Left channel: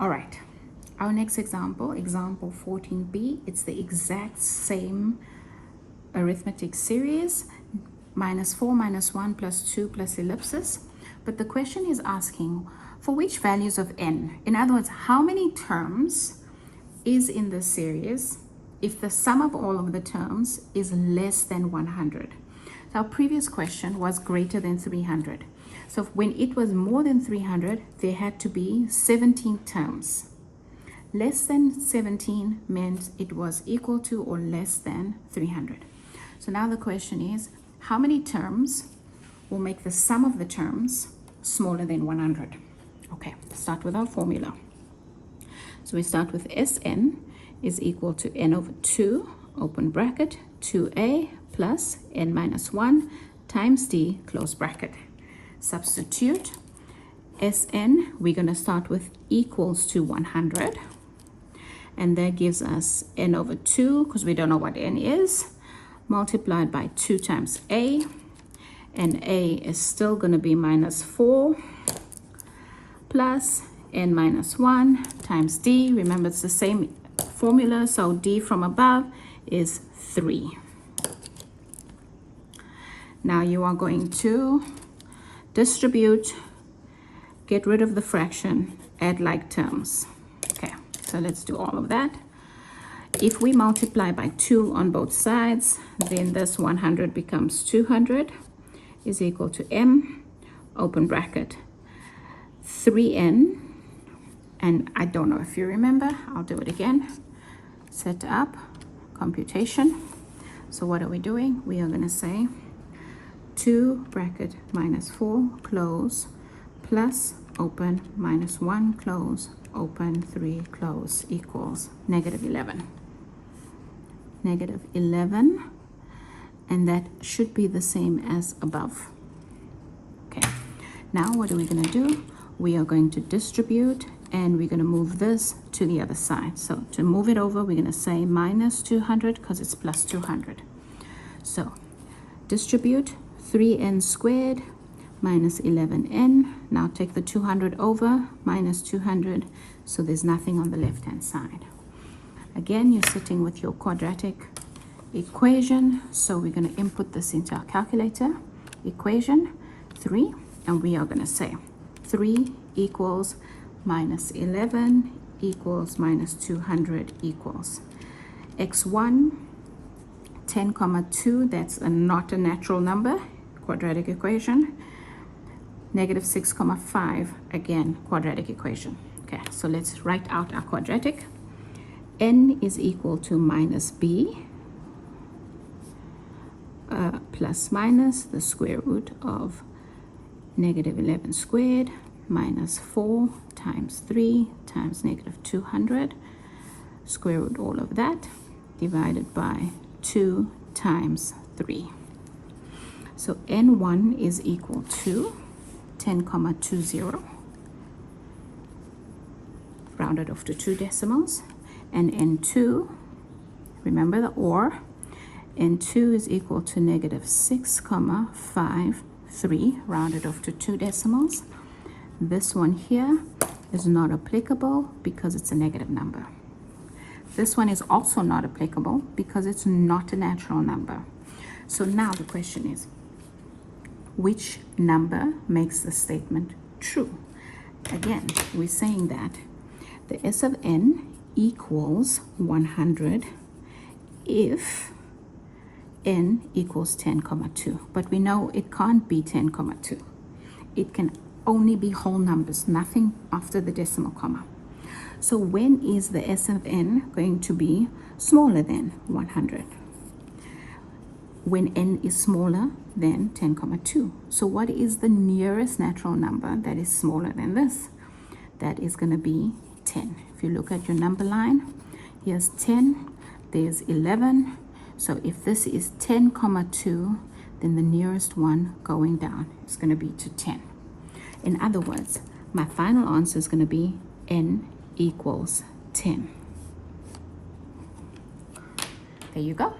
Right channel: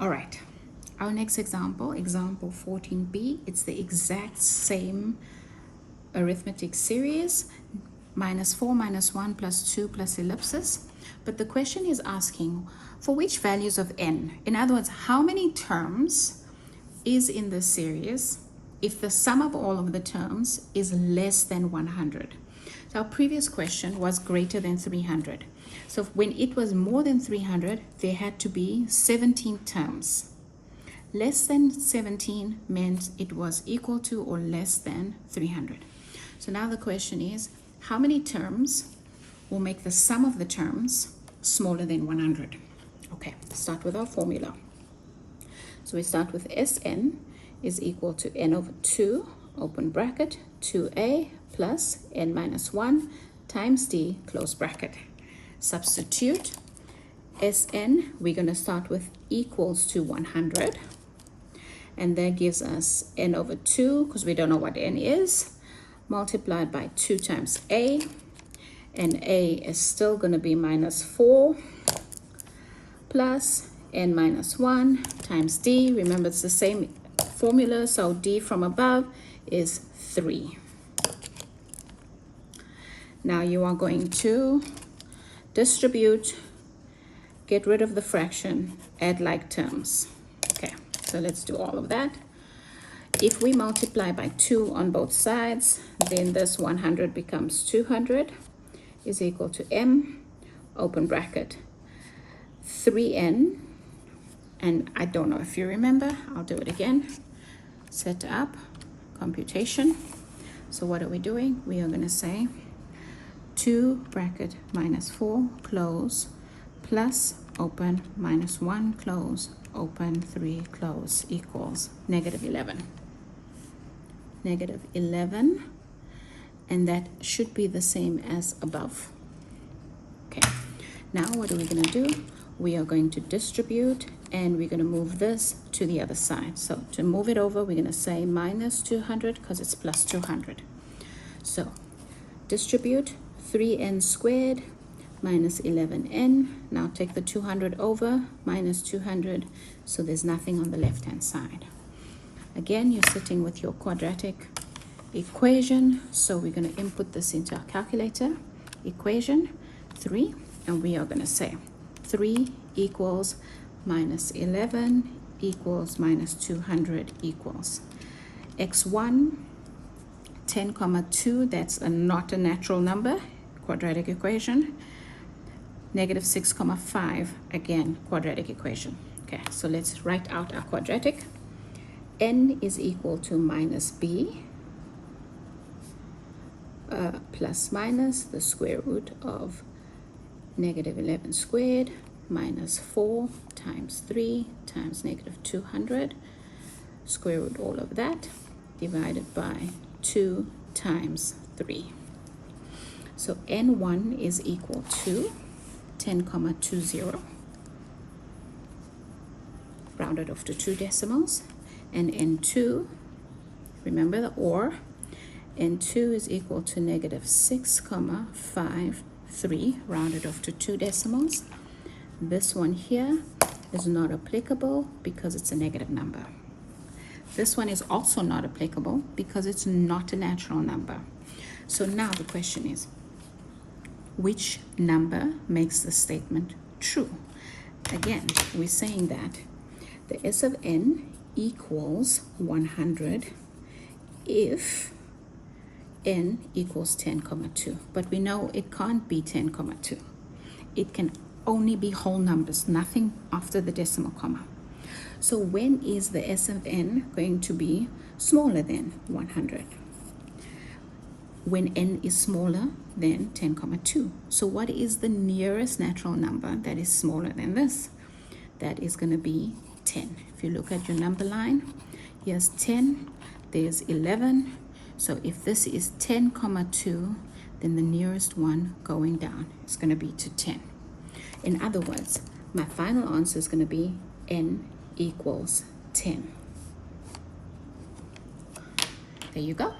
All right, our next example, example 14b, it's the exact same arithmetic series, -4 -1 +2 plus ellipsis. But the question is asking for which values of n. In other words, how many terms is in this series if the sum of all of the terms is less than 100. So our previous question was greater than 300. So when it was more than 300, there had to be 17 terms. Less than 17 meant it was equal to or less than 300. So now the question is, how many terms will make the sum of the terms smaller than 100? Okay, start with our formula. So we start with Sn is equal to n over 2, open bracket, 2a plus n minus 1 times d, close bracket. Substitute Sn, we're going to start with equals to 100. And that gives us n over 2, because we don't know what n is, multiplied by 2 times a. And a is still going to be -4 plus n minus 1 times d. Remember, it's the same formula, so d from above is 3. Now you are going to distribute, get rid of the fraction, add like terms. Okay, so let's do all of that. If we multiply by 2 on both sides, then this 100 becomes 200 is equal to m, open bracket, 3n, and I don't know if you remember, I'll do it again. Set up, computation. So what are we doing? We are going to say 2 bracket -4 close plus open -1 close open 3 close equals -11. -11, and that should be the same as above. Okay, now what are we going to do? We are going to distribute, and we're going to move this to the other side. So to move it over, we're going to say -200 because it's plus 200. So distribute 3n squared minus 11n. Now take the 200 over, minus 200, so there's nothing on the left hand side. Again, you're sitting with your quadratic equation, so we're going to input this into our calculator. Equation 3, and we are going to say 3 equals -11 equals -200 equals x1 10,2, that's not a natural number, quadratic equation, -6,5, again quadratic equation. Okay, so let's write out our quadratic. N is equal to -b plus minus the square root of -11 squared minus 4 times 3 times -200, square root all of that, divided by 2 times 3. So n1 is equal to 10,20, rounded off to 2 decimals, and n2, remember the or, n2 is equal to -6,53, rounded off to 2 decimals. This one here is not applicable because it's a negative number. This one is also not applicable because it's not a natural number. So now the question is, which number makes the statement true? Again, we're saying that the S of n equals 100 if n equals 10,2. But we know it can't be 10,2. It can only be whole numbers, nothing after the decimal comma. So when is the S of n going to be smaller than 100? When n is smaller than 10,2. So what is the nearest natural number that is smaller than this? That is going to be 10. If you look at your number line, here's 10, there's 11. So if this is 10,2, then the nearest one going down is going to be to 10. In other words, my final answer is going to be n equals 10. There you go.